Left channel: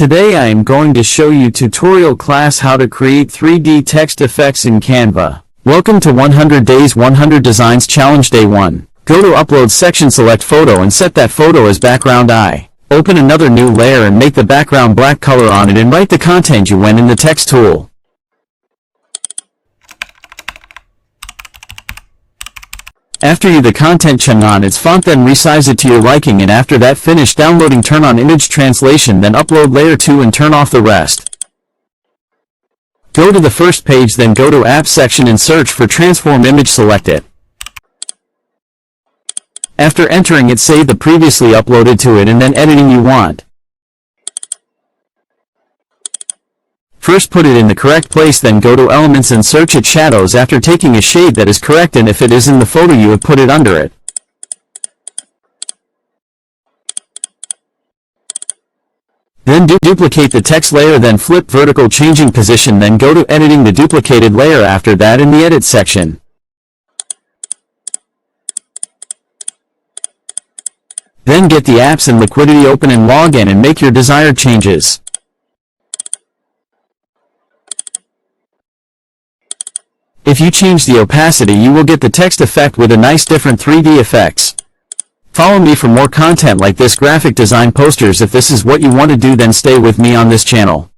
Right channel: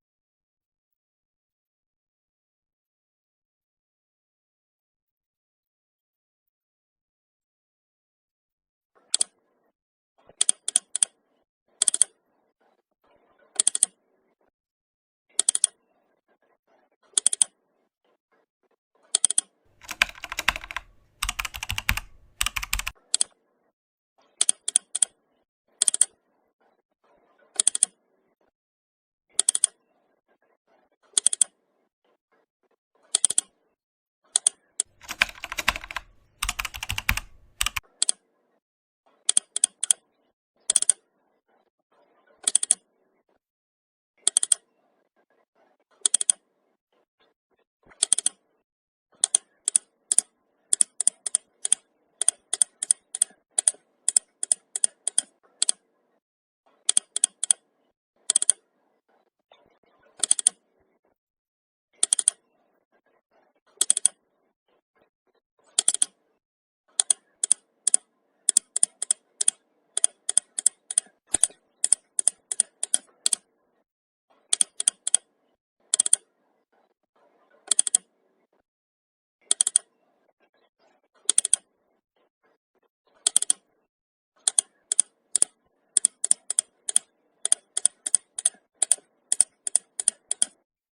Today I am going to show you tutorial class how to create 3D text effects in Canva. Welcome to 100 Days 100 Designs Challenge Day 1. Go to Upload section, select photo and set that photo as background eye. Open another new layer and make the background black color on it and write the content you want in the text tool. After you the content change on its font, then resize it to your liking, and after that finish downloading, turn on image translation, then upload layer 2 and turn off the rest. Go to the first page, then go to Apps section and search for transform image, select it. After entering it, save the previously uploaded to it and then editing you want. First put it in the correct place, then go to Elements and search it Shadows after taking a shade that is correct, and if it is in the photo you have put it under it. Then duplicate the text layer, then flip vertical changing position, then go to editing the duplicated layer after that in the Edit section. Then get the apps and liquidity open and log in and make your desired changes. If you change the opacity, you will get the text effect with a nice different 3D effects. Follow me for more content like this graphic design posters. If this is what you want to do, then stay with me on this channel.